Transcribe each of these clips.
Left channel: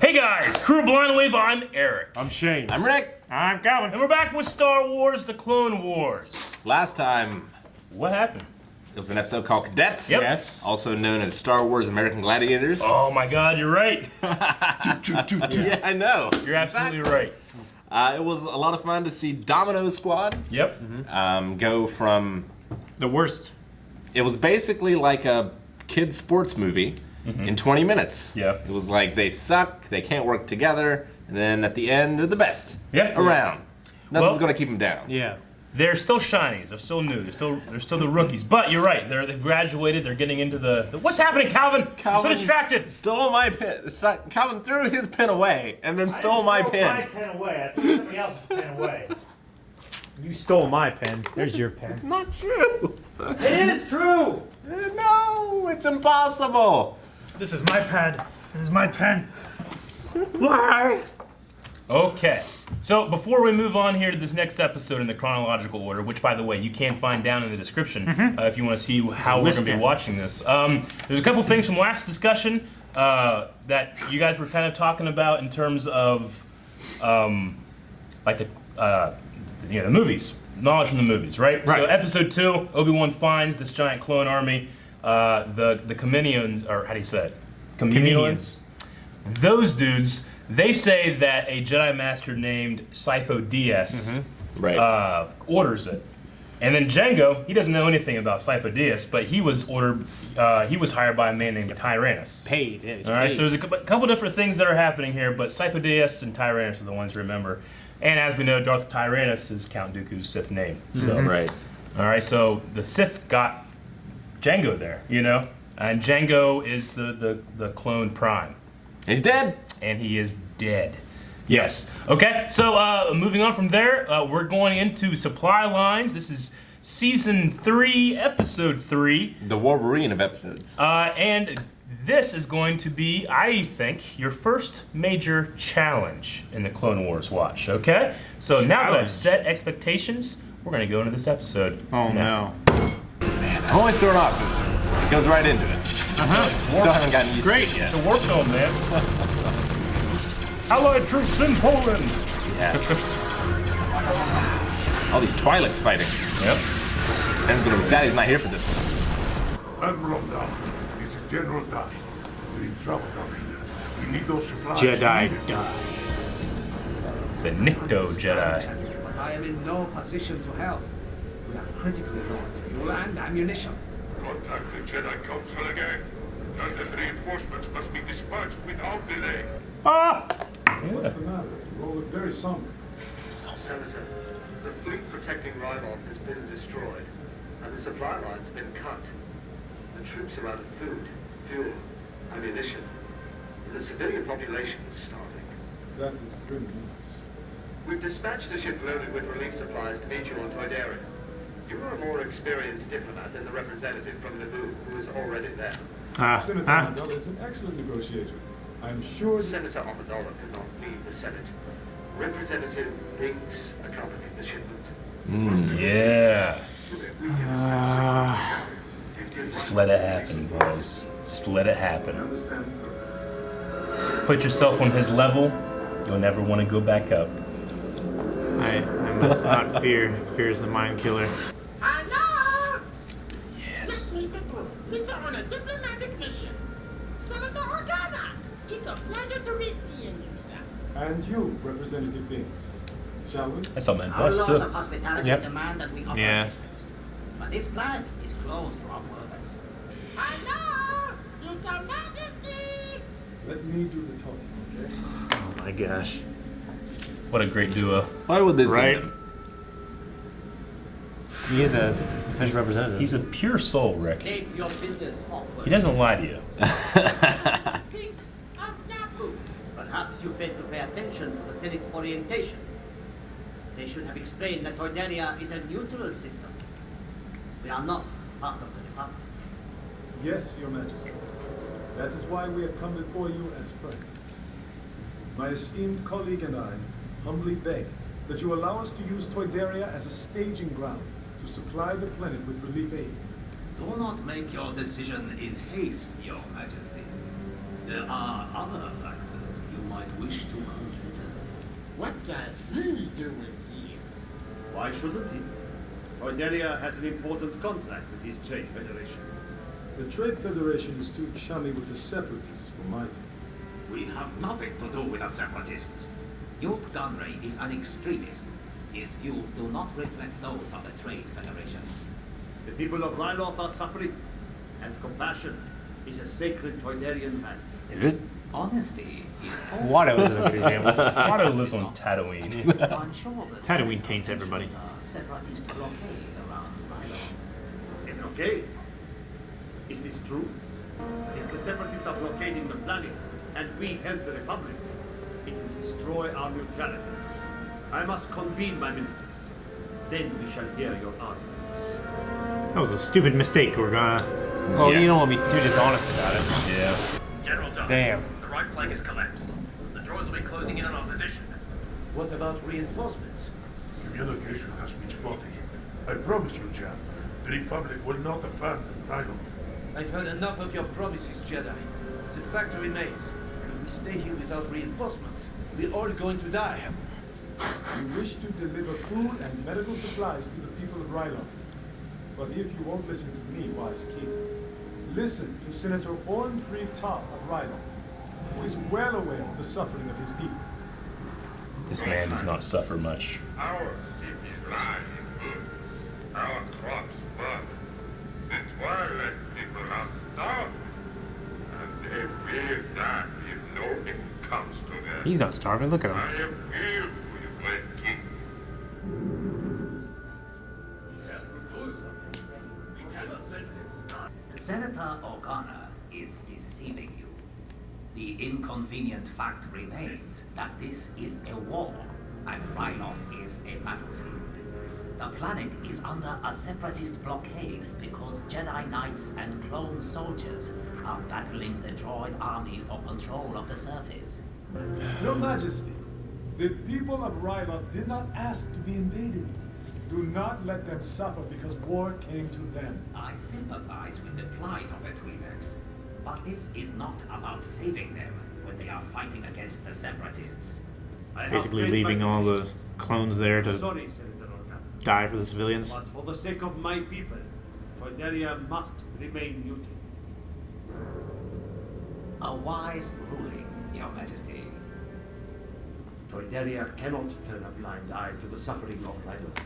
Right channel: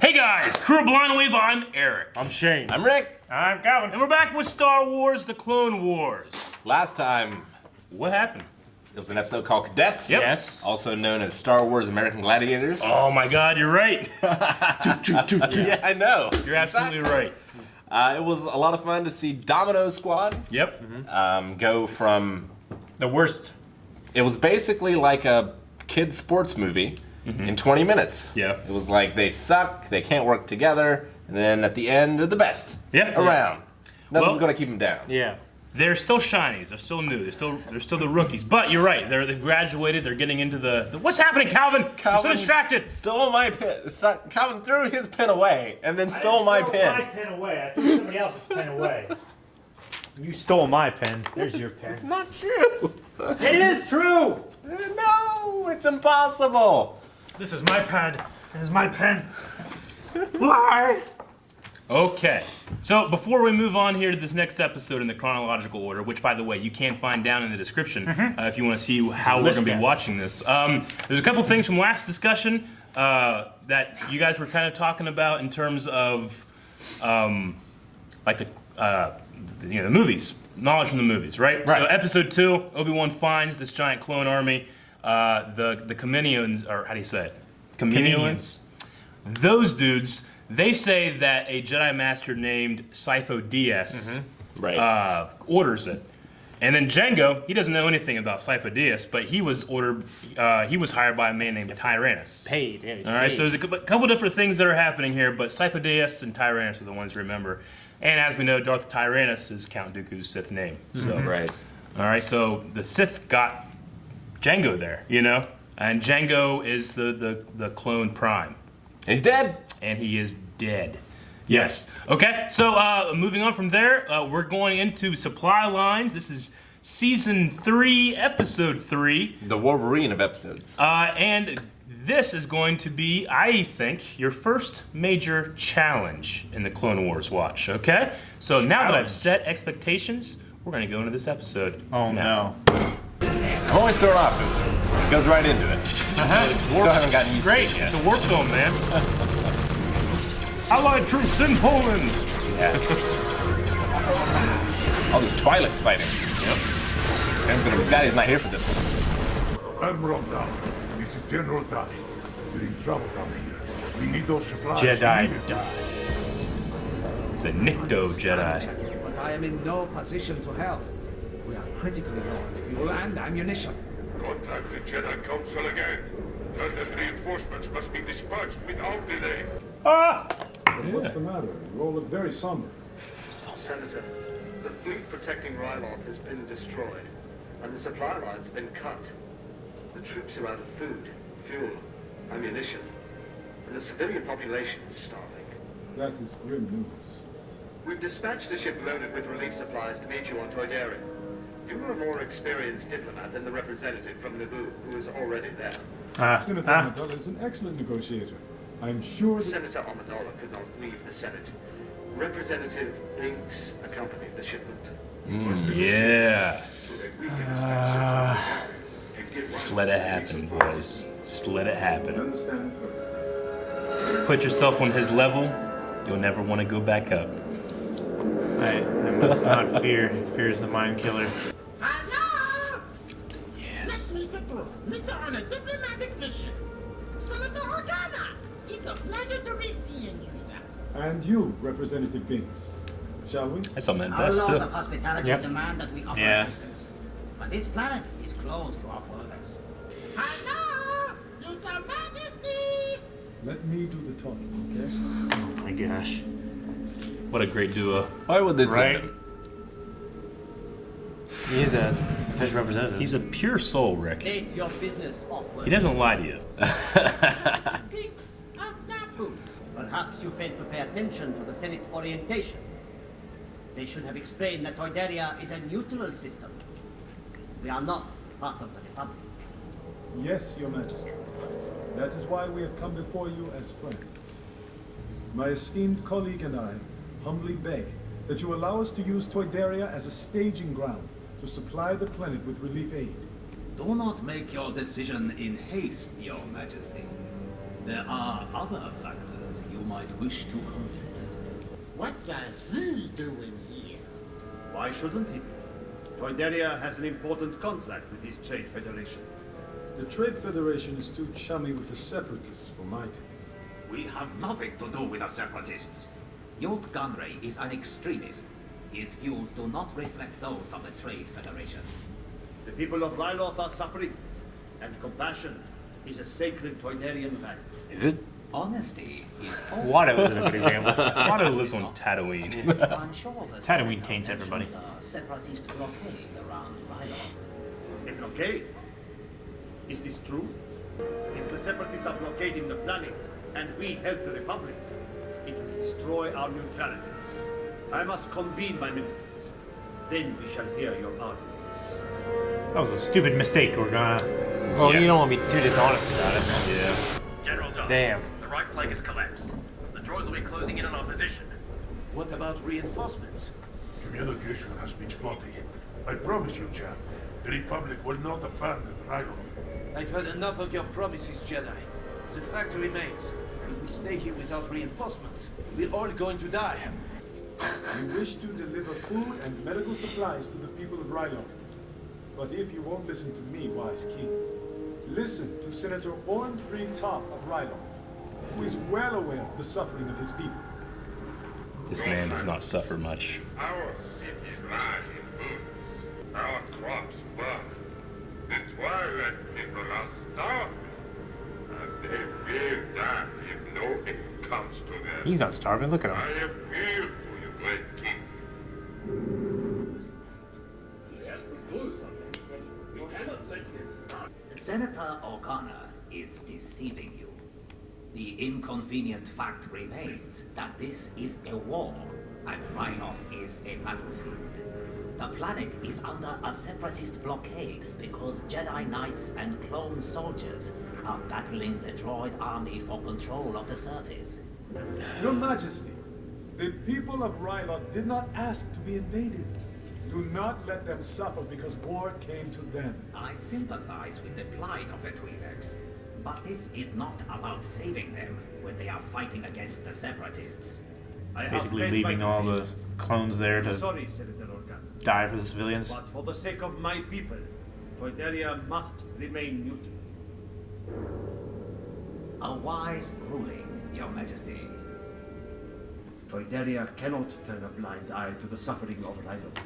Hey guys, Crew Blind Wave, I'm Eric. I'm Shane. I'm Rick. I'm Calvin. And we're back with Star Wars, The Clone Wars. Last time, What happened? it was an episode called Cadets. Yep. Yes. Also known as Star Wars American Gladiators. Oh my god, you're right. Yeah, I know. You're absolutely right. It was a lot of fun to see Domino Squad Yep. go from... The worst. It was basically like a kid's sports movie in 20 minutes. Yeah. It was like they suck, they can't work together, and then at the end, they're the best Yeah. around. Nothing's Well- going to keep them down. Yeah. They're still shinies. They're still new. They're still the rookies. But you're right. They've graduated. They're getting into the what's happening, Calvin? You're so distracted. Stole my pin. Calvin threw his pin away and then stole my pin. My pen away. I threw somebody else's pen away. You stole my pen. There's your pen. It's not true. It is true. No, it's impossible. This is my pen. This is my pen. Why? Okay. So before we move on here to this next episode in the chronological order, which by the way you can find down in the description if you want to see how we're going to be watching this. There's a couple things from last discussion that you guys were kind of talking about in terms of like the movies, knowledge from the movies, right? Right. So episode 2, Obi-Wan finds this giant clone army. The Kaminoans, or how do you say it? Kaminoans. Those dudes. They say that a Jedi Master named Sifo Dyas Right. orders it. And then Jango, he doesn't know anything about Sifo Dyas, but he was ordered, he was hired by a man named Tyrannus. Paid. Yeah, All right, so there's a couple different things that are happening here, but Sifo Dyas and Tyrannus are the ones to remember. And as we know, Darth Tyrannus is Count Dooku's Sith name. So, Right. all right, so the Sith got Jango there, you know? And Jango is the clone prime. He's dead. And he is dead. Yes. Okay, so moving on from there, we're going into supply lines. This is season 3, episode 3. The Wolverine of episodes. And this is going to be, I think, your first major challenge in the Clone Wars watch, okay? So now that I've set expectations, we're going to go into this episode. Oh no. I'm always thrown off. It goes right into it. Still haven't gotten used Great, to it yet. it's a war film, man. Allied troops in Poland. All these Twi'leks fighting. Yep. I'm gonna be sad he's not here for this. Admiral Down, this is General Donnie. You're in trouble down here. We need those supplies Jedi. immediately. It's a Nikto Jedi. But I am in no position to help. We are critically low on fuel and ammunition. Contact the Jedi Council again. Tell them reinforcements must be dispatched without delay. What's the matter? You all look very somber. Senator, the fleet protecting Ryloth has been destroyed, and the supply lines have been cut. The troops are out of food, fuel, ammunition, and the civilian population is starving. That is grim news. We've dispatched a ship loaded with relief supplies to meet you on Toydaria. You are a more experienced diplomat than the representative from Naboo, who is already there. Senator Amidala is an excellent negotiator. I'm sure that... Senator Amidala could not leave the Senate. Representative Binks accompanied the shipment. Yeah. Just let it happen, boys. Just let it happen. Put yourself on his level, you'll never want to go back up. I must not fear. Fear is the mind killer. Hello! Yes. Let me sit through. We're on a diplomatic mission. Senator Organa, it's a pleasure to be seeing you, sir. And you, Representative Binks. Shall we? That's on my Our best laws too. of hospitality Yep. demand that we offer Yeah. assistance. But this planet is closed to our borders. Hello! Your Sir Majesty! Let me do the talking, okay? Oh my gosh. What a great duo. Why would this Right. end him? He is a official representative. He's a pure soul, Rick. State your business off-world. He doesn't lie to you. Binks of Naboo. Perhaps you failed to pay attention to the Senate orientation. They should have explained that Toydaria is a neutral system. We are not part of the Republic. Yes, Your Majesty. That is why we have come before you as friends. My esteemed colleague and I humbly beg that you allow us to use Toydaria as a staging ground to supply the planet with relief aid. Do not make your decision in haste, Your Majesty. There are other factors matters you might wish to consider. What's he doing here? Why shouldn't he be? Toydaria has an important contract with his trade federation. The Trade Federation is too chummy with the Separatists for my taste. We have nothing to do with the Separatists. Yult Gunray is an extremist. His views do not reflect those of the Trade Federation. The people of Ryloth are suffering, and compassion is a sacred Toydarian value. Is it? Honesty is also... Watto is a good example. Watto lives on Tatooine. I'm sure the Tatooine taints everybody. Separatist blockade around Ryloth. A blockade? Is this true? If the Separatists are blockading the planet, and we help the Republic, it will destroy our neutrality. I must convene my ministers. Then we shall hear your arguments. That was a stupid mistake, Organa. Well, you don't want to be too dishonest about it. Yeah. General John. Damn. The right flank has collapsed. The droids will be closing in on our position. What about reinforcements? Communication has been spotty. I promise you, Jan, the Republic will not abandon Ryloth. I've had enough of your promises, Jedi. The fact remains, if we stay here without reinforcements, we're all going to die. We wish to deliver food and medical supplies to the people of Ryloth. But if you won't listen to me, wise king, listen to Senator Ornfried Top of Ryloth, who is well aware of the suffering of his people. This man does not suffer much. Our cities lie in ruins. Our crops burn. The Twilight people are starving. And they will die if no aid comes to them. He's not starving, look at I him. appeal to you, great king. Senator Organa is deceiving you. The inconvenient fact remains that this is a war, and Ryloth is a battlefield. The planet is under a separatist blockade because Jedi Knights and clone soldiers are battling the droid army for control of the surface. Your Majesty, the people of Ryloth did not ask to be invaded. Do not let them suffer because war came to them. I sympathize with the plight of the Twi'leks, but this is not about saving them when they are fighting against the separatists. I have Basically made my leaving all the decision. clones there to Sorry, Senator Organa. die for the civilians. But for the sake of my people, Toydaria must remain neutral. A wise ruling, Your Majesty. Toydaria cannot turn a blind eye to the suffering of Ryloth.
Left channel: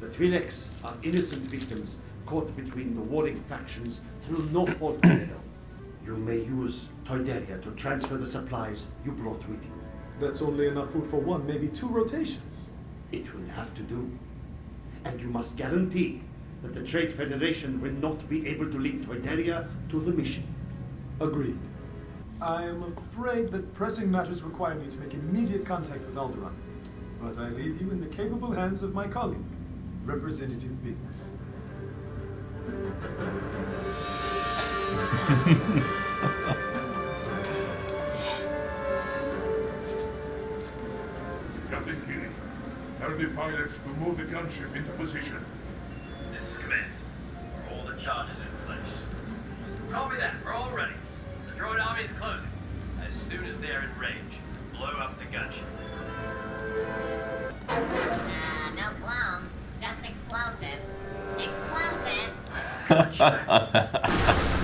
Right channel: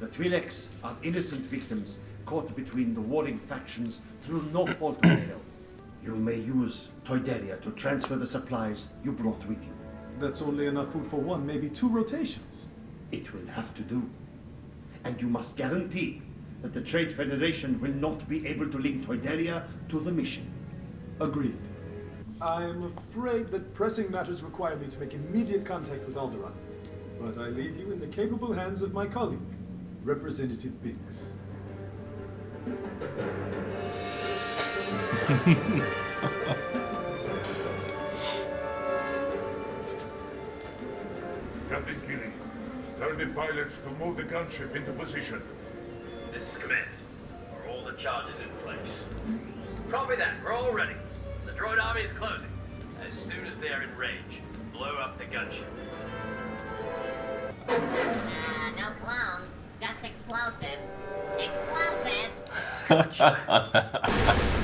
The Twi'leks are innocent victims caught between the warring factions through no fault of their own. You may use Toydaria to transfer the supplies you brought with you. That's only enough food for one, maybe 2 rotations. It will have to do. And you must guarantee that the Trade Federation will not be able to link Toydaria to the mission. Agreed. I'm afraid that pressing matters require me to make immediate contact with Alderaan. But I leave you in the capable hands of my colleague, Representative Biggs. Captain Kiri, tell the pilots to move the gunship into position. This is command. Are all the charges in place? Copy that. We're all ready. The droid army is closing. As soon as they are in range, blow up the gunship. No clones, just explosives. Explosives!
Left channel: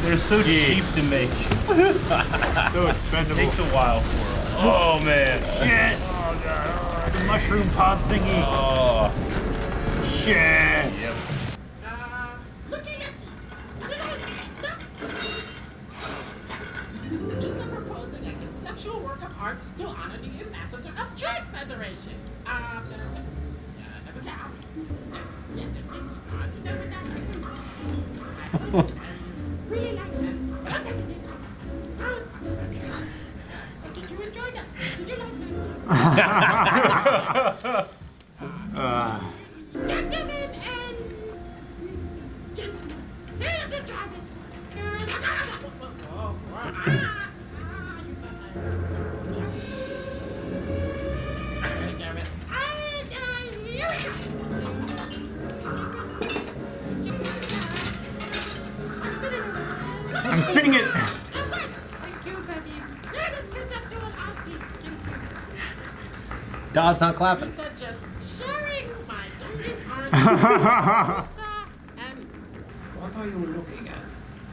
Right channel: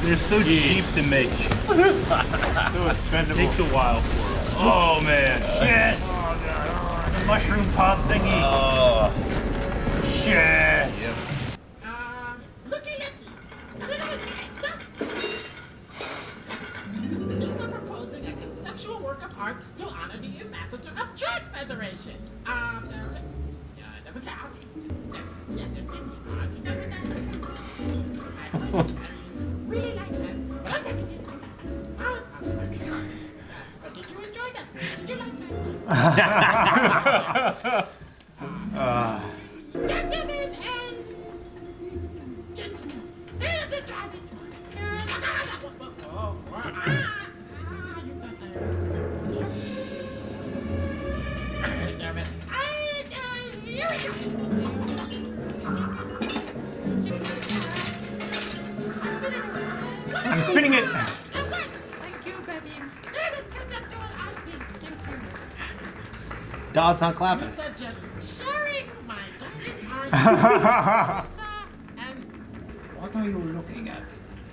They're so cheap to make. So expendable. Takes a while. Oh man. Shit! Oh god. Mushroom pop thingy. Oh. Shit! Yep. Looky. Just proposing a conceptual work of art to honor the ambassador of Trade Federation. That was out. Yeah, just I really like that, but I'm taking it. I'm sure. But did you enjoy that? Did you like that? Gentlemen and gentlemen, let's try this one. You got damn it. Here we go. I'm spinning it. Thank you, baby. Let us conceptualize Daw's not clapping. Misa just sharing my Gungan art. Misa and What are you looking at?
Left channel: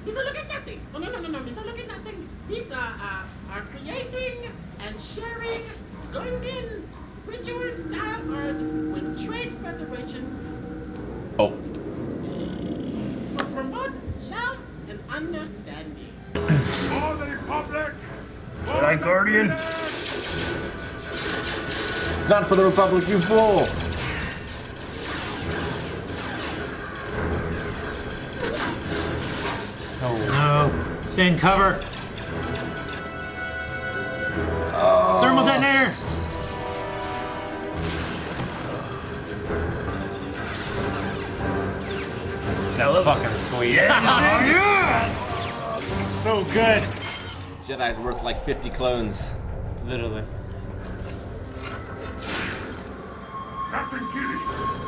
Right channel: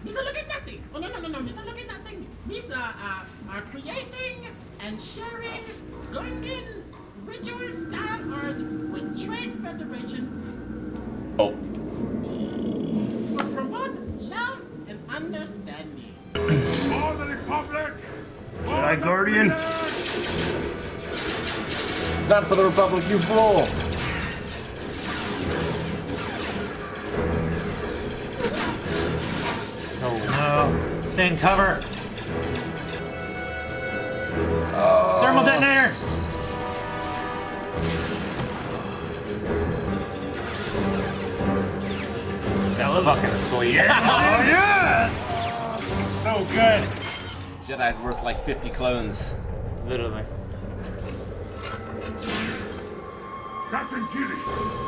Misa look at nothing. Oh no. Misa look at nothing. Misa are creating and sharing Gungan ritual style art with Trade Federation Oh. to promote love and understanding. For the Republic! Jedi Guardian. It's not for the Republic, you fool! No. Stay in cover. Thermal detonator. That was fucking sweet. Yeah. So good. Jedi's worth like 50 clones. Literally. Captain Keeley!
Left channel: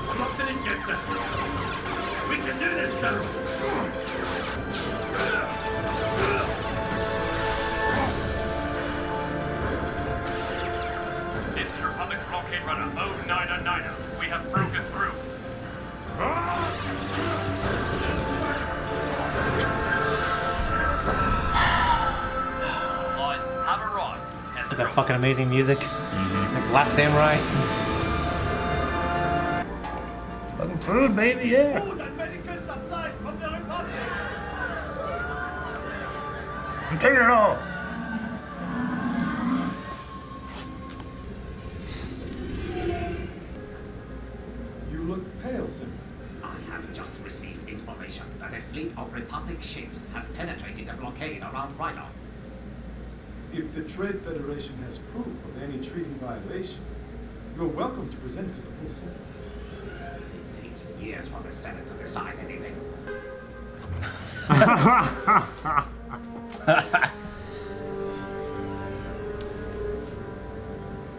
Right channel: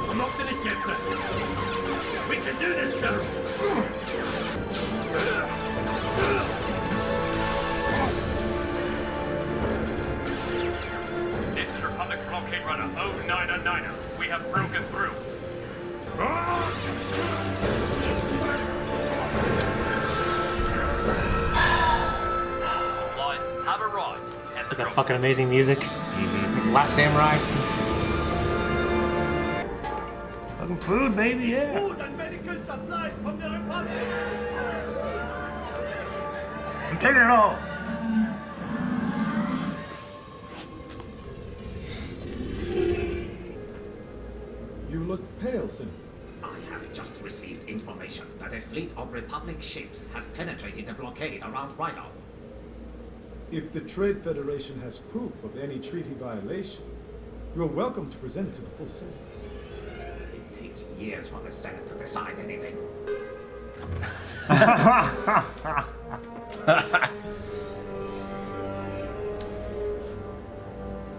I'm not finished yet, sir. We can do this, General. This is Republic Blockade Runner 099er. We have broken through. Supplies have arrived at the With that drop. fucking amazing music. Like Last Samurai. Fucking food, baby, yeah. Food and medical supplies from the Republic. I'm taking it all. You look pale, Senator. I have just received information that a fleet of Republic ships has penetrated the blockade around Ryloth. If the Trade Federation has proof of any treaty violation, you're welcome to present it to the full Senate. It takes years for the Senate to decide anything.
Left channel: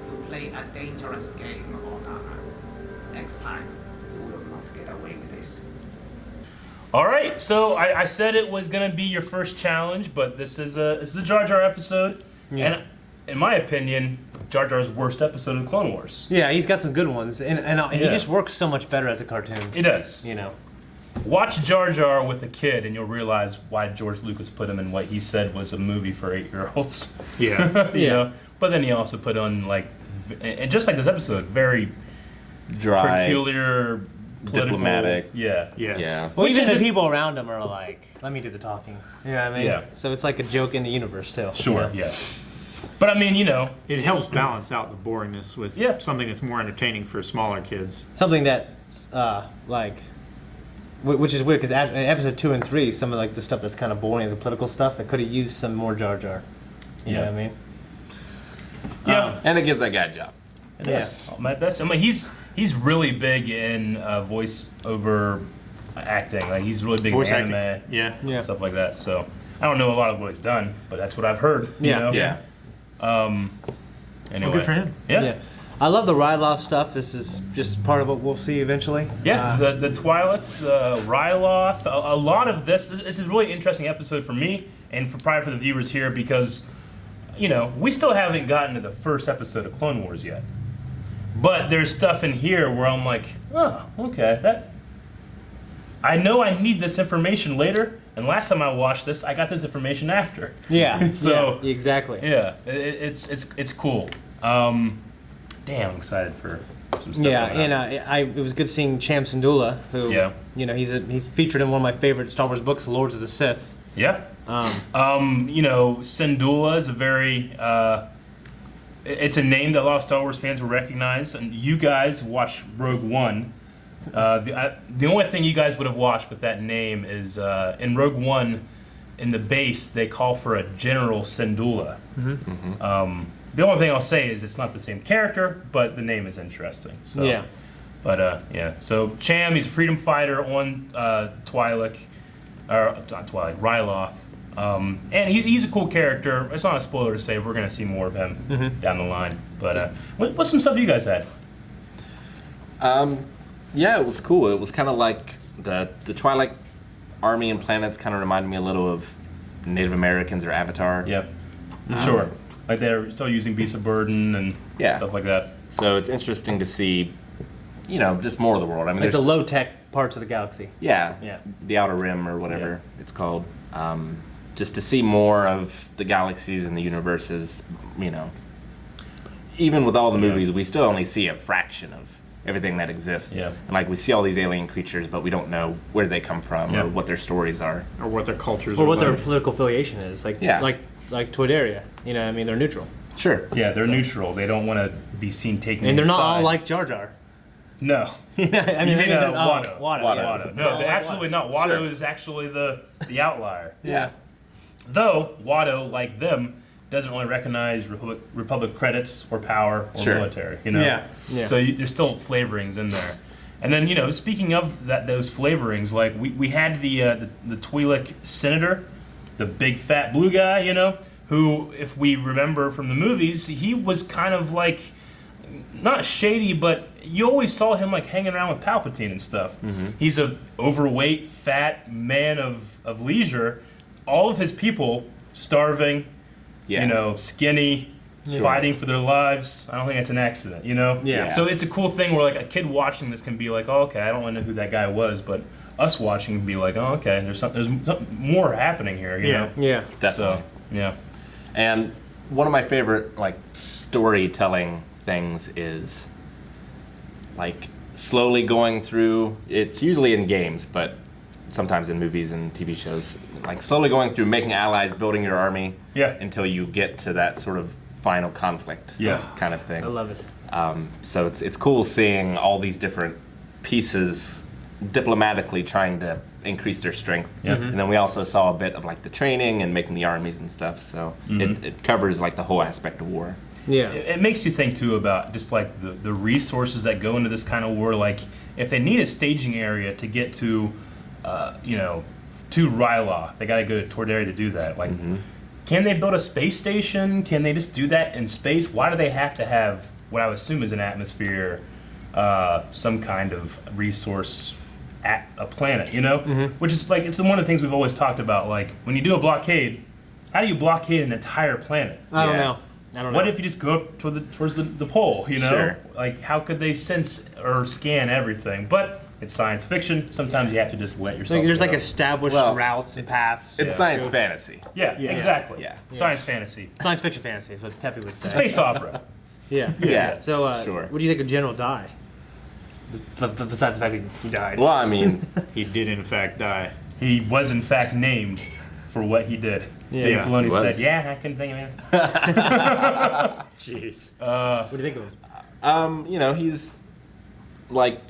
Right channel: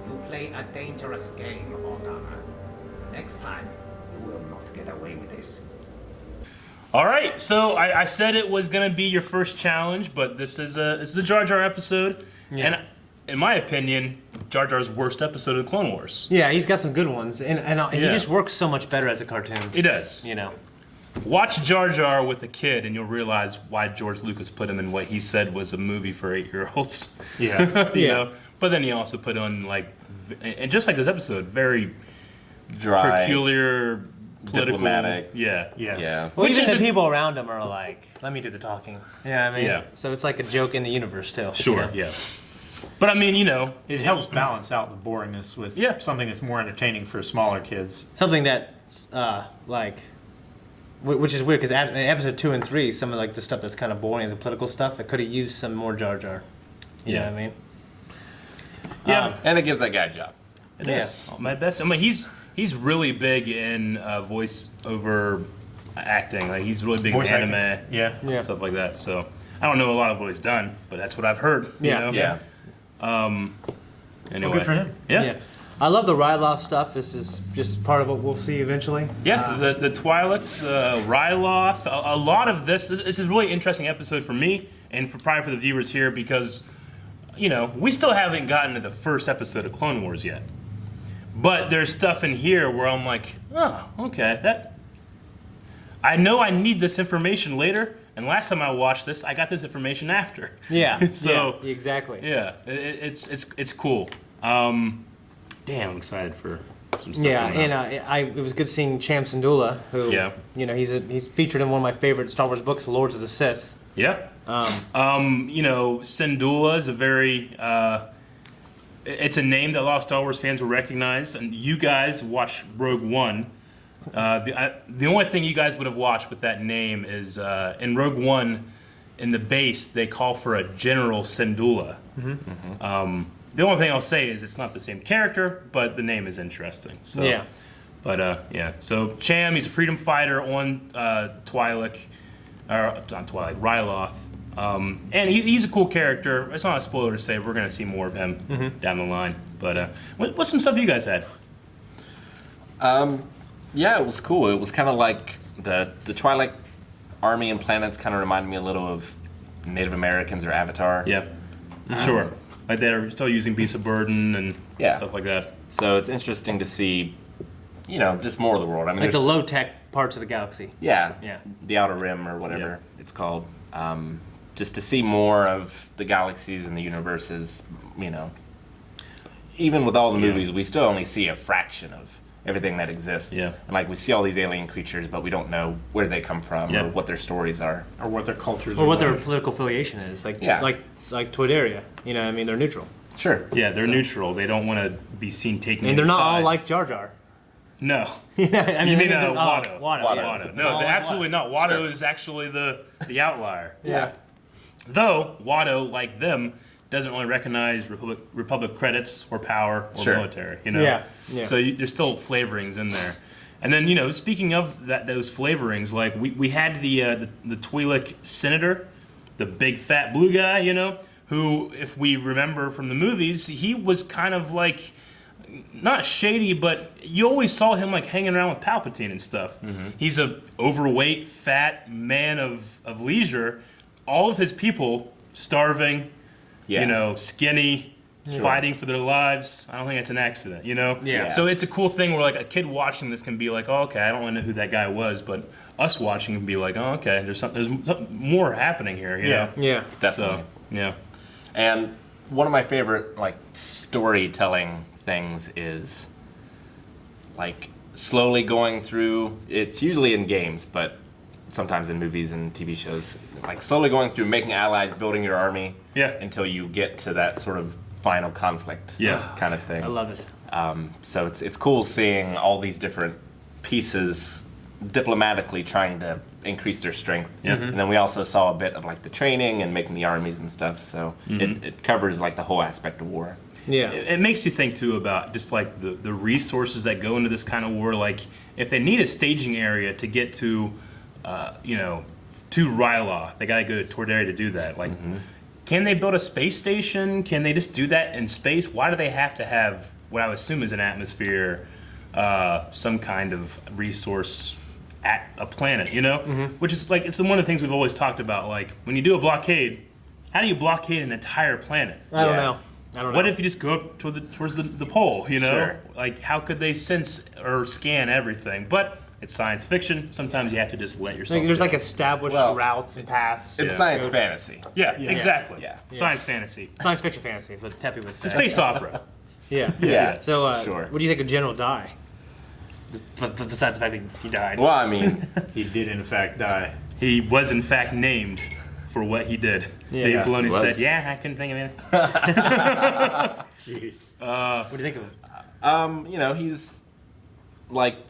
You play a dangerous game, Organa. Next time, you will not get away with this. All right, so I said it was gonna be your first challenge, but this is the Jar Jar episode, Yeah. and in my opinion, Jar Jar's worst episode of Clone Wars. Yeah, he's got some good ones, and he Yeah. just works so much better as a cartoon. He does. You know. Watch Jar Jar with a kid, and you'll realize why George Lucas put him in what he said was a movie for 8-year-olds. Yeah. you Yeah. know. But then he also put on and just like this episode, very Dry. peculiar, political, Diplomatic. Yeah. Yes. Yeah. Well, Which even the isn't- people around him are like, "Let me do the talking." Yeah, I mean, Yeah. So it's like a joke in the universe too. Sure. Yeah. But I mean, you know, It helps balance out the boringness with Yeah. something that's more entertaining for smaller kids. Something that, which is weird because in episode 2 and 3, some of like the stuff that's kind of boring, the political stuff, it could have used some more Jar Jar. You know what I mean? yeah. And it gives that guy a job. It is. My best. I mean, he's really big in voice over acting. Like he's really big Voice in acting. anime, Yeah. stuff like that. So I don't know a lot of what he's done, but that's what I've heard. You Yeah. know? Yeah. Anyway. Well, good for him. Yeah. I love the Ryloth stuff. This is just part of what we'll see eventually. Yeah, the Twi'leks, Ryloth, a lot of this is a really interesting episode for me and probably for the viewers here because, you know, we still haven't gotten to the first episode of Clone Wars yet. But there's stuff in here where I'm like, oh, okay, I know I need this information later, and last time I watched this, I got this information after. Yeah. So yeah, exactly. yeah, it's cool. Damn, I'm excited for some stuff. Yeah, coming and up. it was good seeing Cham Syndulla, who Yeah. you know he's featured in one of my favorite Star Wars books, Lords of the Sith. Yeah. You know, Syndulla is a very it's a name that a lot of Star Wars fans will recognize, and you guys watch Rogue One. The only thing you guys would have watched with that name is in Rogue One, in the base they call for a General Syndulla. The only thing I'll say is it's not the same character, but the name is interesting. So. Yeah. But yeah, so Cham, he's a freedom fighter on Twi'lek, or not Twi'lek, Ryloth. And he's a cool character. It's not a spoiler to say we're going to see more of him down the line. But what's some stuff you guys had? Yeah, it was cool. It was kind of like the Twi'lek army and planets kind of reminded me a little of Native Americans or Avatar. Yep. Sure. Like they're still using beasts of burden and stuff like that. So it's interesting to see, just more of the world. I mean, like the low tech parts of the galaxy. Yeah. The Outer Rim or whatever it's called. Just to see more of the galaxies and the universes, even with all the movies, we still only see a fraction of everything that exists. Yeah. And like we see all these alien creatures, but we don't know where they come from or what their stories are. Or what their cultures or are. what their political affiliation is. Like Toydaria. I mean, they're neutral. Sure. Yeah, they're neutral. They don't want to be seen taking And they're not sides. all like Jar Jar. No. You mean Watto. Watto. No, they're absolutely not. Watto is actually the outlier. Yeah. Though Watto, like them, doesn't really recognize Republic credits or power or military. Yeah. So there's still flavorings in there. And then speaking of those flavorings, like we had the Twi'lek senator, the big fat blue guy, who, if we remember from the movies, he was kind of like not shady, but you always saw him like hanging around with Palpatine and stuff. Mm-hmm. He's a overweight, fat man of leisure. All of his people starving, skinny, fighting for their lives. I don't think it's an accident, Yeah. So it's a cool thing where like a kid watching this can be like, oh, okay, I don't really know who that guy was, but us watching can be like, oh, okay, there's something more happening here, you know? Yeah. Definitely. So, yeah. And one of my favorite storytelling things is slowly going through. It's usually in games, but sometimes in movies and TV shows, slowly going through making allies, building your army, until you get to that sort of final conflict, kind of thing. I love it. So it's cool seeing all these different pieces diplomatically trying to increase their strength. Yeah. And then we also saw a bit of the training and making the armies and stuff. So it covers the whole aspect of war. Yeah. It makes you think too about just the resources that go into this kind of war. Like if they need a staging area to get to, to Ryloth, they gotta go to Toydaria to do that. Can they build a space station? Can they just do that in space? Why do they have to have what I would assume is an atmosphere, some kind of resource at a planet, Which is it's one of the things we've always talked about. When you do a blockade, how do you blockade an entire planet? I don't know. What if you just go up towards the pole, Sure. How could they sense or scan everything? But it's science fiction. Sometimes you have to just let yourself There's go. established routes and paths. It's science fantasy. Yeah, exactly. Yeah. Science fantasy. Science fiction fantasy is what Teppy would say. It's a space opera. Yeah. Yeah. So, sure. what do you think of General Dye? Besides the fact that he died. Well, I mean, He did in fact die. He was in fact named for what he did. Yeah. Dave Filoni He said, was. "Yeah, I couldn't think of anything." Jeez. What do you think of him? he's like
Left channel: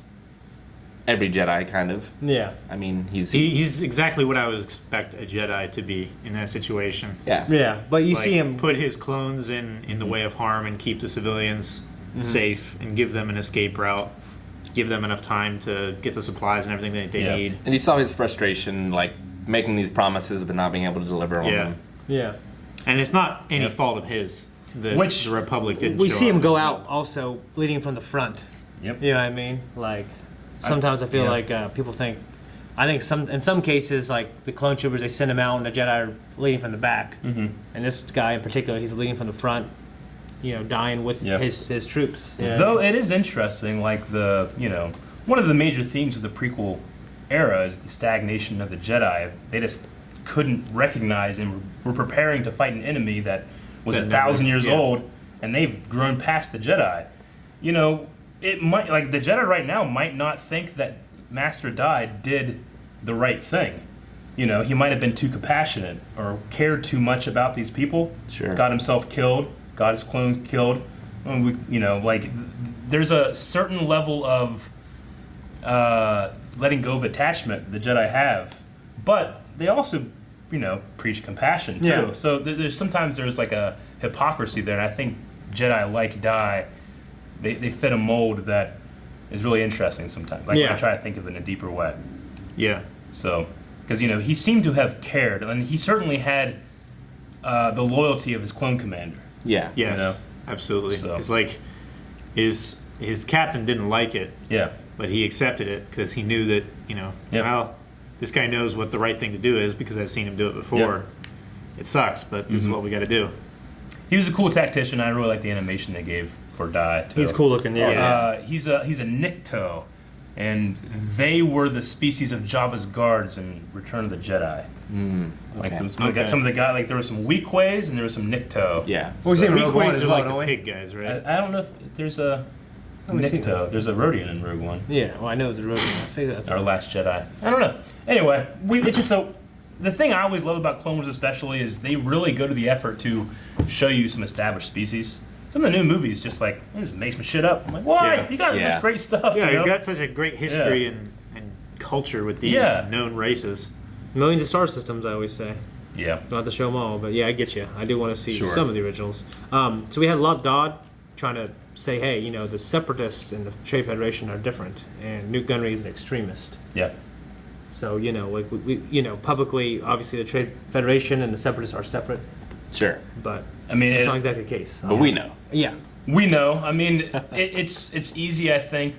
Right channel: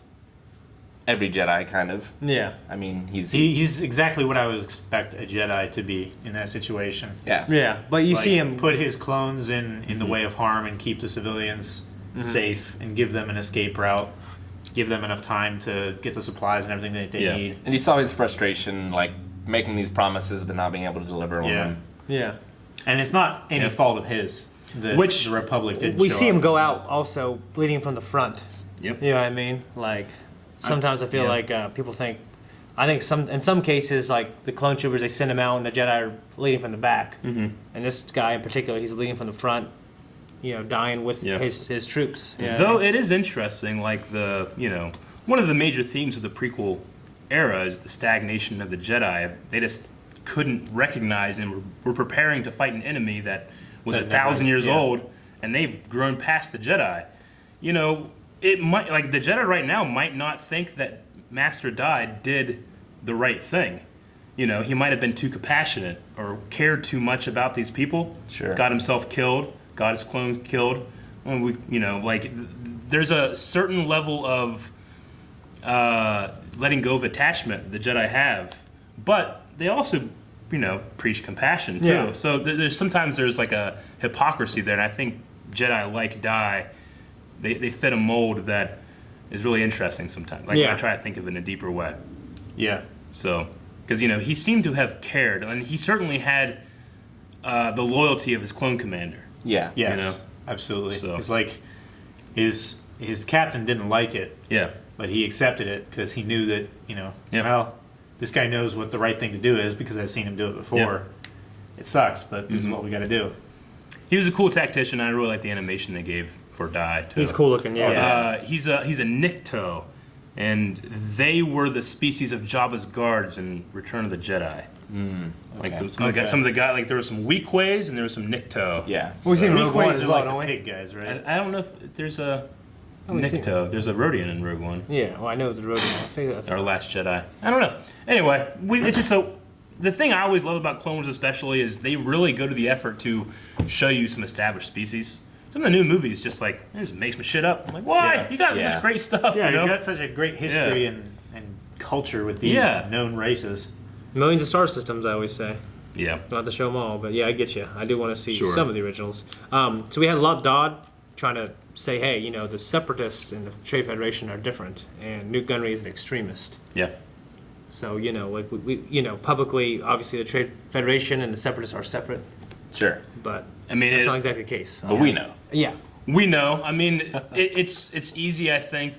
every Jedi, kind of. Yeah. I mean, he's He's exactly what I would expect a Jedi to be in that situation. yeah. Yeah, but you see him. Put his clones in the way of harm and keep the civilians safe and give them an escape route. Give them enough time to get the supplies and everything that they need. And you saw his frustration, making these promises but not being able to deliver on them. Yeah. And it's not any fault of his. The Republic didn't We show see up. him go out also leading from the front. Yep. You know what I mean? Sometimes I feel like people think. I think in some cases, the clone troopers, they send him out and the Jedi are leading from the back. Mm-hmm. And this guy in particular, he's leading from the front. Dying with his troops. Yeah. Though it is interesting, one of the major themes of the prequel era is the stagnation of the Jedi. They just couldn't recognize and were preparing to fight an enemy that was 1,000 years old, and they've grown past the Jedi. It might the Jedi right now might not think that Master Dai did the right thing. He might have been too compassionate or cared too much about these people. Sure. Got himself killed. Got his clone killed. There's a certain level of letting go of attachment the Jedi have, but they also, preach compassion too. Yeah. So sometimes there's a hypocrisy there, and I think Jedi like Dai, they fit a mold that is really interesting sometimes. When I try to think of it in a deeper way. Yeah. So, because he seemed to have cared, and he certainly had the loyalty of his clone commander. Yeah. Yes. Absolutely. So. It's his captain didn't like it. Yeah. But he accepted it because he knew that this guy knows what the right thing to do is because I've seen him do it before. Yep. It sucks, but this is what we got to do. He was a cool tactician. I really like the animation they gave for Dai. Too. He's cool looking, yeah. He's a Nikto, and they were the species of Jabba's guards in Return of the Jedi. Like some of the guys, like there were some Weequays and there was some Nikto. Yeah. Well, he's in Rogue One as well, like don't we? Pig guys, right? I don't know if there's a Nikto. There's a Rodian in Rogue One. Yeah, well, I know the Rodian. I figure that's Our Last Jedi. I don't know. Anyway, it's just so. The thing I always love about Clone Wars, especially, is they really go to the effort to show you some established species. Some of the new movies just like it just makes me shit up. I'm like, why? Yeah. You got such great stuff. Yeah, you know? you got such a great history and culture with these known races. Millions of star systems, I always say. Yeah. Not to show them all, but yeah, I get you. I do want to see some of the originals. So we had Lot Dodd trying to say, hey, you know, the Separatists and the Trade Federation are different, and Newt Gunray is an extremist. Yeah. So, you know, like we you know, publicly, obviously, the Trade Federation and the Separatists are separate. Sure. But I mean, it's not exactly the case. But we know. Yeah. We know. I mean, it's easy. I think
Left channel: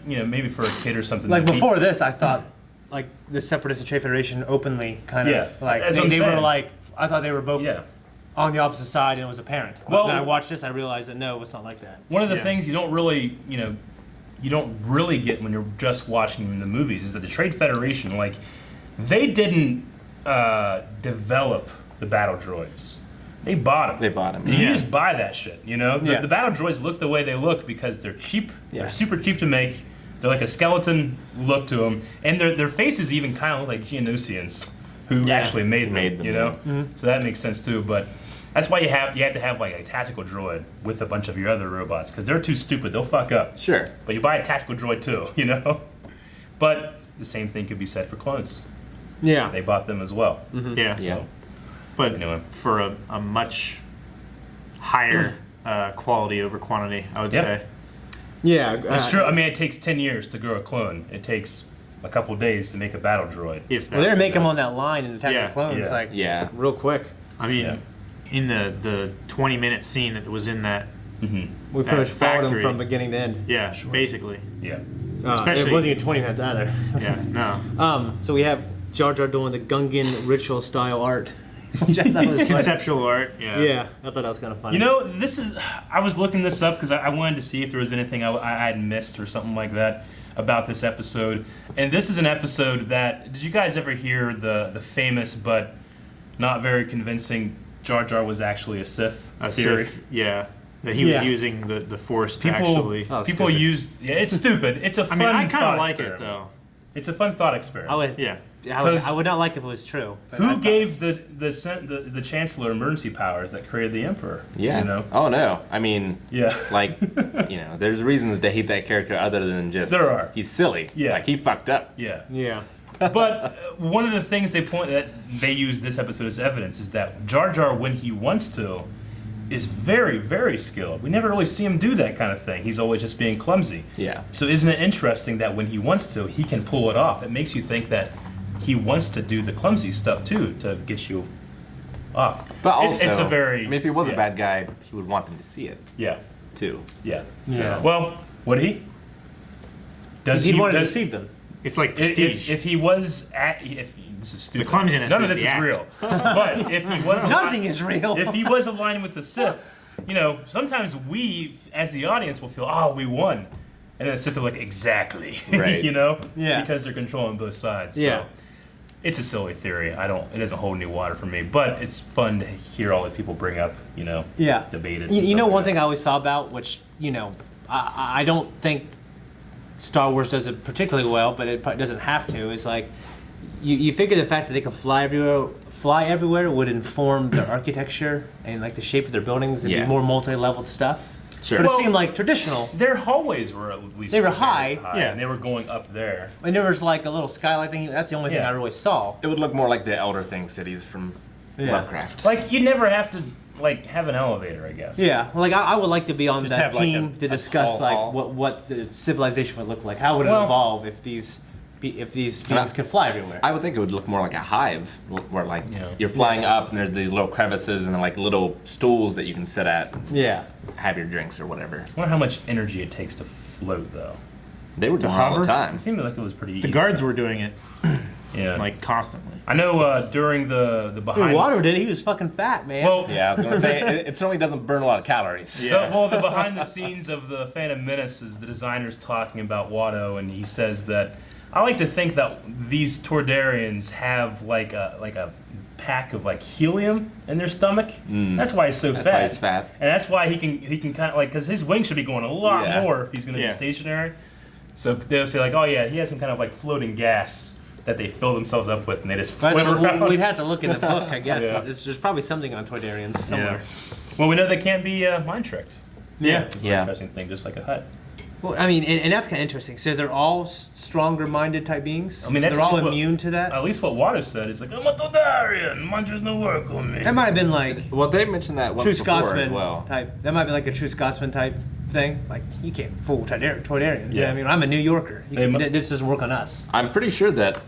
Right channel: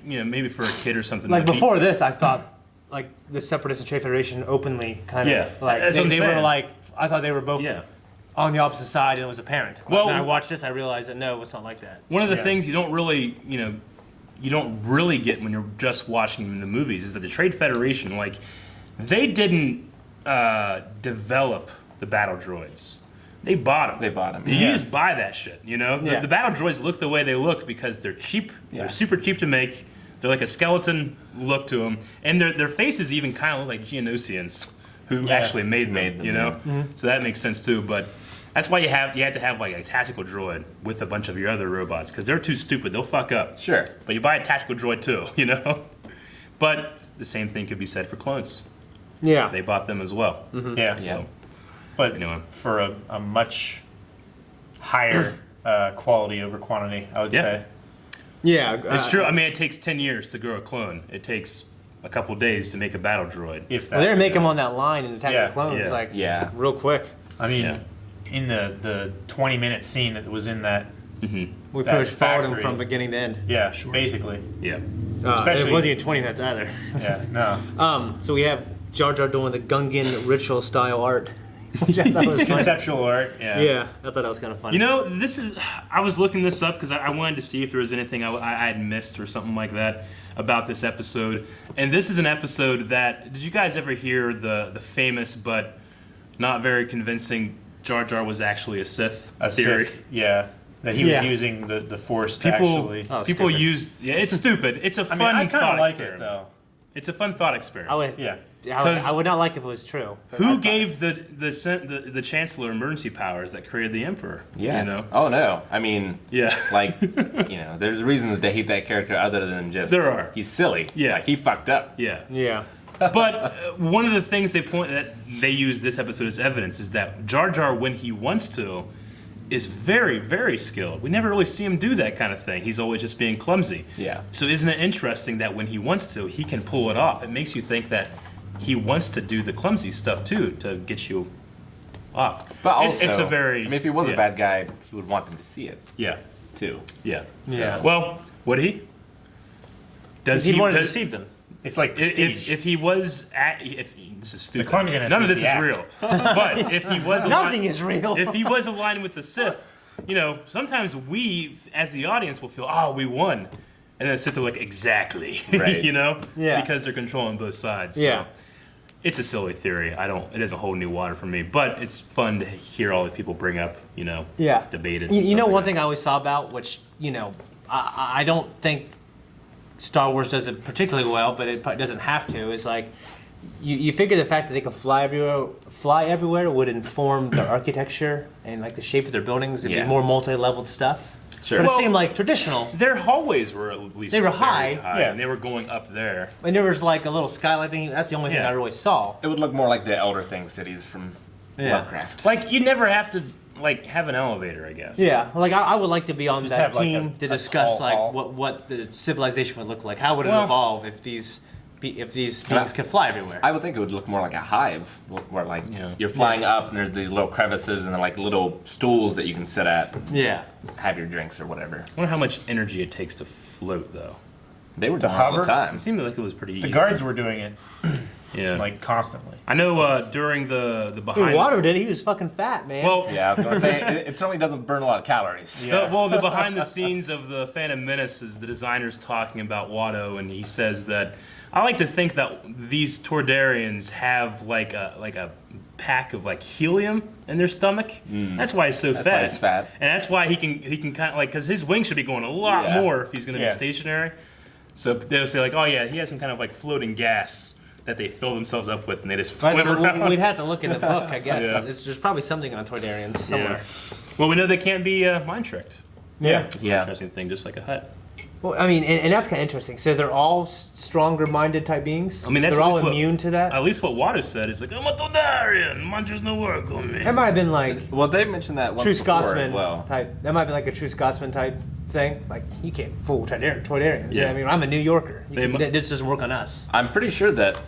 for a kid or something. Like before this, I thought like the Separatists and Trade Federation openly kind of like they were like I thought they were both on the opposite side and it was apparent. Well, when I watched this, I realized that no, it's not like that. One of the things you don't really get when you're just watching the movies is that the Trade Federation, like, they didn't develop the battle droids. They bought them. You just buy that shit, you know? The battle droids look the way they look because they're cheap. They're super cheap to make. They're like a skeleton look to them. And their faces even kind of look like Geonosians who actually made them, you know? So that makes sense too. But that's why you have to have like a tactical droid with a bunch of your other robots because they're too stupid. They'll fuck up. Sure. But you buy a tactical droid too, you know? But the same thing could be said for clones. Yeah. They bought them as well. Yeah. So. But for a much higher quality over quantity, I would say. Yeah, it's true. I mean, it takes 10 years to grow a clone. It takes a couple days to make a battle droid. If they're gonna make them on that line in Attack of the Clones, like real quick. I mean, in the 20-minute scene that was in that, we pretty much followed them from beginning to end. Yeah, basically. Yeah. Especially it wasn't even 20 minutes either. Yeah, no. So we have Jar Jar doing the Gungan ritual style art. Which I thought was conceptual art. Yeah, I thought that was kind of funny. You know, I was looking this up because I wanted to see if there was anything I had missed or something like that about this episode. And this is an episode that, did you guys ever hear the famous but not very convincing Jar Jar was actually a Sith theory? Sith, yeah. That he was using the Force to actually... People use... Yeah, it's stupid. It's a fun I kind thought of like experiment. it, though. It's a fun thought experiment. I would not like if it was true. Who gave the Chancellor emergency powers that created the Emperor? Yeah. You know? Oh no. I mean, like, there's reasons to hate that character other than just he's silly. Yeah. Like he fucked up. Yeah. Yeah. But one of the things they use this episode as evidence is that Jar Jar, when he wants to, is very, very skilled. We never really see him do that kind of thing. He's always just being clumsy. Yeah. So isn't it interesting that when he wants to, he can pull it off? It makes you think that he wants to do the clumsy stuff too to get you off. But also, it's a very... I mean, if he was a bad guy, he would want them to see it. Yeah. Too. Yeah. So. Yeah. Well, would he? Does he want to deceive them? It's like if he was this is stupid. The clumsiness None of is this is the real. But if he was nothing is real. If he was aligned with the Sith, sometimes we as the audience will feel, oh, we won, and then the Sith are like, exactly, right. Yeah, because they're controlling both sides. So yeah, it's a silly theory. It doesn't hold any water for me, but it's fun to hear all the people bring up, debate it. You know, one thing I always saw about, which I don't think Star Wars does it particularly well, but it doesn't have to, is like you figure the fact that they can fly everywhere would inform their architecture and like the shape of their buildings. It'd be more multi-leveled stuff. Sure. But it seemed like traditional. Their hallways were at least they were high. Yeah, and they were going up there. And there was like a little skylight thing. That's the only thing I really saw. It would look more like the Elder Thing cities from Lovecraft. Like you never have to have an elevator, I guess. Yeah, like I would like to be on that team to discuss hall. what the civilization would look like. How would it evolve if these beings could fly everywhere? I would think it would look more like a hive, where you're flying up and there's these little crevices and like little stools that you can sit at. And have your drinks or whatever. I wonder how much energy it takes to float, though. They were doing it all the time. It seemed like it was pretty easy. The guards were doing it. Yeah. like constantly. I know during the behind. Dude, Watto did. He was fucking fat, man. Well, Yeah, I was gonna say it certainly doesn't burn a lot of calories. Yeah. The behind the scenes of the Phantom Menace is the designer's talking about Watto, and he says that I like to think that these Toydarians have like a pack of like helium in their stomach. That's why he's so That's fat. why he's fat. And that's why he can kind of like, because his wings should be going a lot more if he's going to be stationary. So they'll say like, oh yeah, he has some kind of like floating gas that they fill themselves up with, and they just float around. We'd have to look in the book, I guess. There's probably something on Toydarians somewhere. Yeah. Well, we know they can't be mind tricked. Yeah. It's an interesting thing, just like a hut. Well, I mean, and that's kind of interesting. So they're all stronger-minded type beings? I mean, they're all immune to that? At least what Watto said is like, I'm a Toydarian, munchers no work on me. That might have been like... Well, they mentioned that once True before Scotsman as well. type. That might be like a True Scotsman type thing. Like, you can't fool Toydarians. Yeah. I mean, I'm a New Yorker. This doesn't work on us. I'm pretty sure that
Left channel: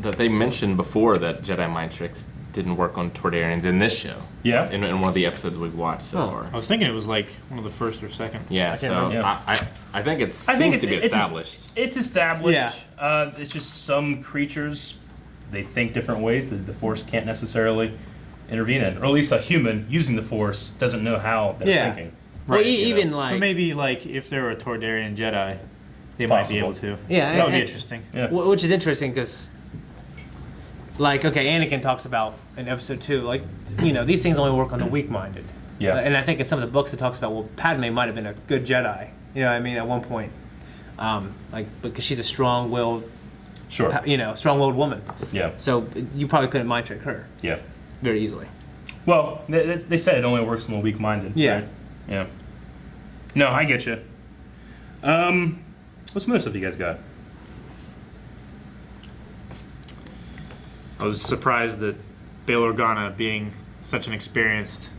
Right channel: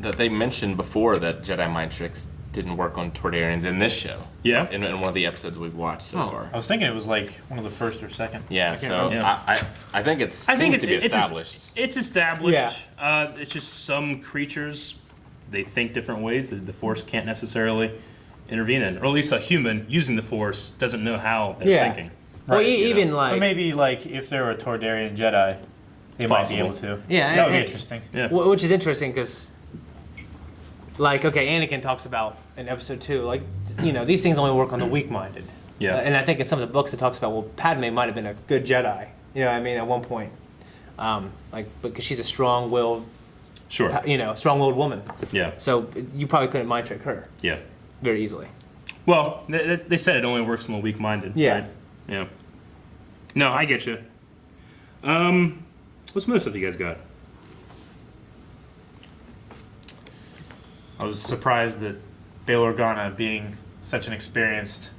they mentioned before that Jedi mind tricks didn't work on Toydarians in this show. Yeah. In one of the episodes we've watched so far. I was thinking it was like one of the first or second. Yeah, so I think it seems to be established. It's established. It's just some creatures, they think different ways that the Force can't necessarily intervene in. Or at least a human using the Force doesn't know how they're thinking. Well, even like... So maybe like if there were a Toydarian Jedi, they might be able to. Yeah. That would be interesting. Yeah. Which is interesting because... Like, okay, Anakin talks about in episode 2, like, you know, these things only work on the weak-minded. Yeah. And I think in some of the books it talks about, well, Padme might have been a good Jedi. You know what I mean? At one point. Like, because she's a strong-willed, strong-willed woman. Yeah. So you probably couldn't mind trick her. Yeah. Very easily. Well, they said it only works on the weak-minded. Yeah. Right? Yeah. No, I get you. What's most of you guys got? I was surprised that Bail Organa, being such an experienced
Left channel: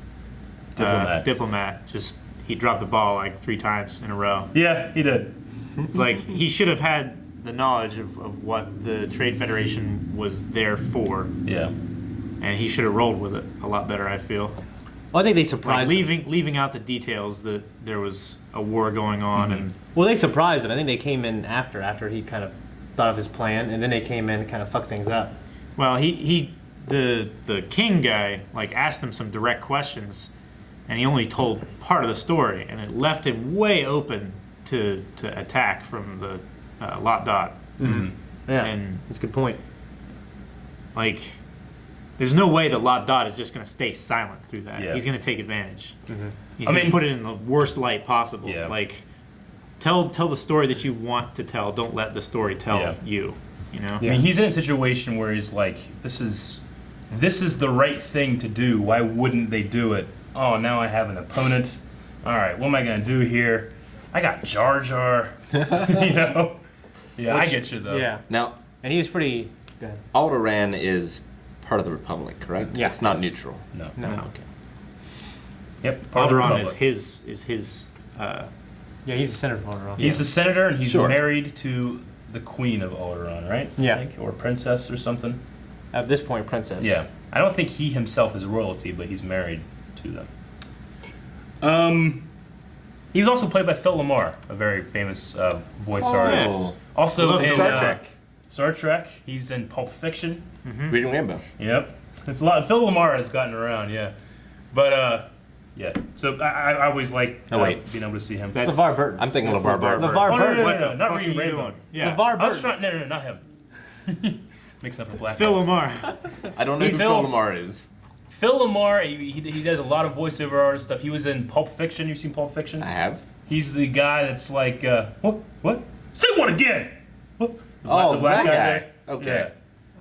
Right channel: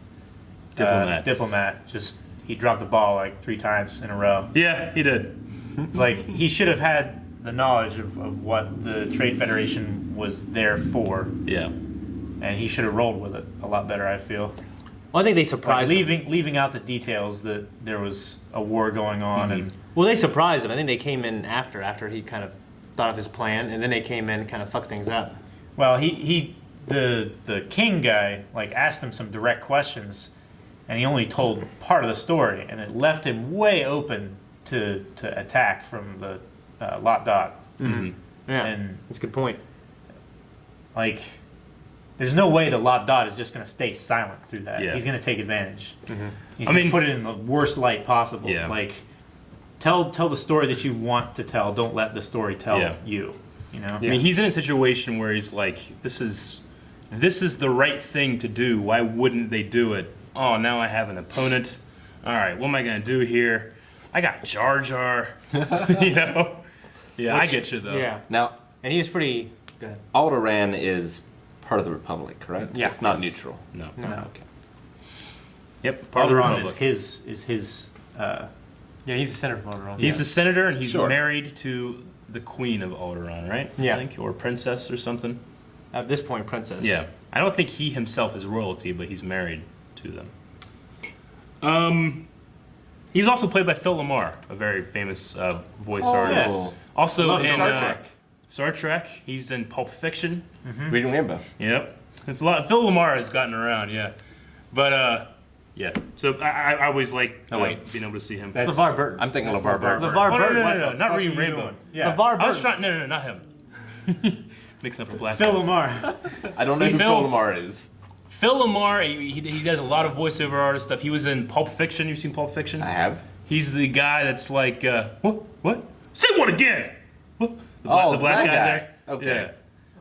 diplomat, just he dropped the ball like 3 times in a row. Yeah, he did. It's like he should have had the knowledge of what the Trade Federation was there for. Yeah. And he should have rolled with it a lot better, I feel. Well, I think they surprised him. Leaving out the details that there was a war going on. And Well, they surprised him. I think they came in after he kind of thought of his plan, and then they came in and kind of fucked things up. Well, the king guy like asked him some direct questions, and he only told part of the story, and it left him way open to attack from the Lot Dot. Mm-hmm. Yeah, and that's a good point. Like, there's no way that Lot Dot is just going to stay silent through that. Yeah. He's going to take advantage. Mm-hmm. He's going to put it in the worst light possible. Yeah. Like, tell the story that you want to tell. Don't let the story tell you. You know? I mean, he's in a situation where he's like, this is the right thing to do. Why wouldn't they do it? Oh, now I have an opponent. All right, what am I going to do here? I got Jar Jar. You know? Yeah, I get you, though. Yeah. Now, and he was pretty... Go ahead. Alderaan is part of the Republic, correct? Yeah. It's not neutral. No. Okay. Yep, part of the Alderaan Republic. is his Yeah, he's a senator of Alderaan. He's a senator, and he's married to the Queen of Alderaan, right? Yeah. I think, or princess or something. At this point, princess. Yeah. I don't think he himself is royalty, but he's married to them. He was also played by Phil Lamar, a very famous voice artist. Yes. Also in Star Trek. Star Trek. He's in Pulp Fiction. Reading Rainbow. Yep. It's a lot. Phil Lamar has gotten around, yeah. But yeah. So I always like being able to see him. That's LeVar Burton. I'm thinking LeVar Burton. LeVar Burton. No, not Reading Rainbow. Yeah. LeVar Burton. I was trying. No, not him. Mixing up the black Phil guys. Lamar. I don't know who Phil Lamar is. Phil Lamar, he does a lot of voiceover artist stuff. He was in Pulp Fiction. You've seen Pulp Fiction? I have. He's the guy that's like, what? Say what again? What? The black guy there. Okay.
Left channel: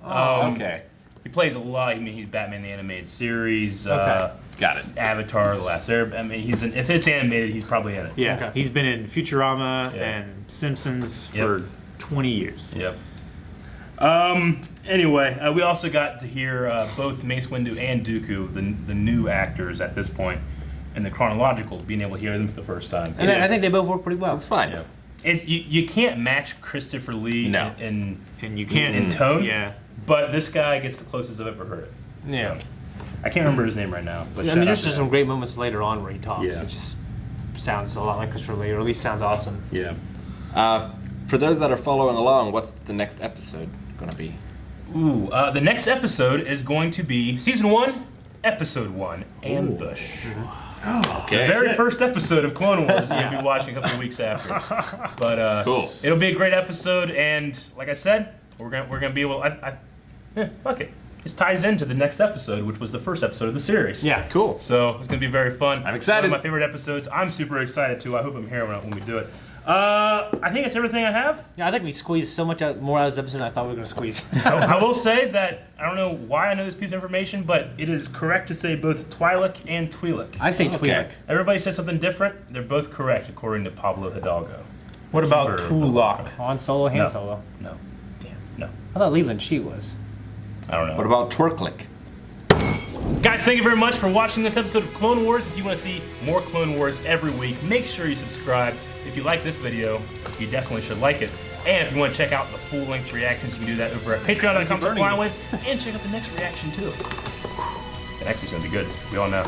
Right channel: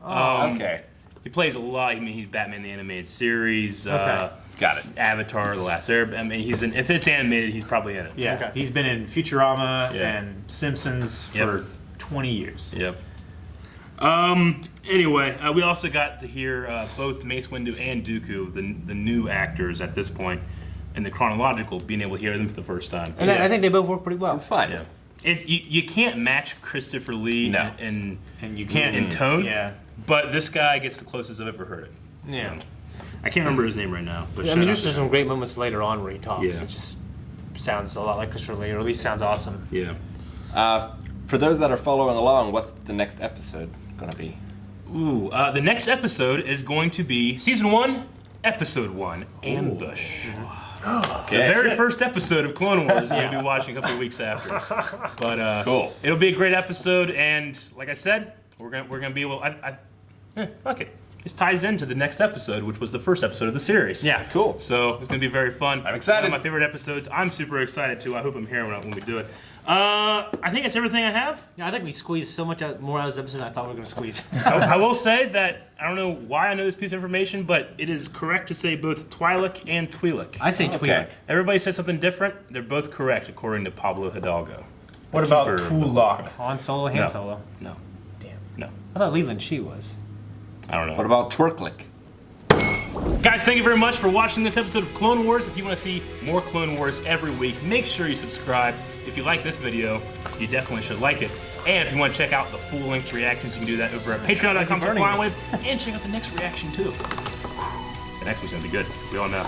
Yeah. Okay. He plays a lot. I mean, he's Batman the Animated Series. Got it. Avatar, The Last Airbender. I mean, if it's animated, he's probably in it. Yeah. Okay. He's been in Futurama and Simpsons for 20 years. Yep. Anyway, we also got to hear both Mace Windu and Dooku, the new actors at this point, in the Chronological, being able to hear them for the first time. And I think they both work pretty well. It's fine. Yeah. You can't match Christopher Lee in you can't in tone. Yeah. But this guy gets the closest I've ever heard it. Yeah. So, I can't remember his name right now. But I mean, there's just some great moments later on where he talks. Yeah. It just sounds a lot like Christopher Lee, or at least sounds awesome. Yeah. For those that are following along, what's the next episode going to be? Ooh, the next episode is going to be Season 1, Episode 1, Ambush. Oh, okay. The very first episode of Clone Wars you'll be watching a couple of weeks after. But cool. It'll be a great episode, and like I said, we're gonna be able. Fuck it. This ties into the next episode, which was the first episode of the series. Yeah, cool. So it's gonna be very fun. I'm excited. One of my favorite episodes. I'm super excited too. I hope I'm here when we do it. I think it's everything I have. Yeah, I think we squeezed so much more out of this episode than I thought we were gonna squeeze. I will say that I don't know why I know this piece of information, but it is correct to say both Twi'lek and Twi'lek. I say Twi'lek. Everybody says something different. They're both correct according to Pablo Hidalgo. What about Twi'lek? Han Solo, Han Solo. No. Damn. No. I thought Leland she was. I don't know. What about Twerklick? Guys, thank you very much for watching this episode of Clone Wars. If you want to see more Clone Wars every week, make sure you subscribe. If you like this video, you definitely should like it. And if you want to check out the full-length reactions, you can do that over at patreon.com/FlyWave, and check out the next reaction too. The next one's gonna be good. We all know.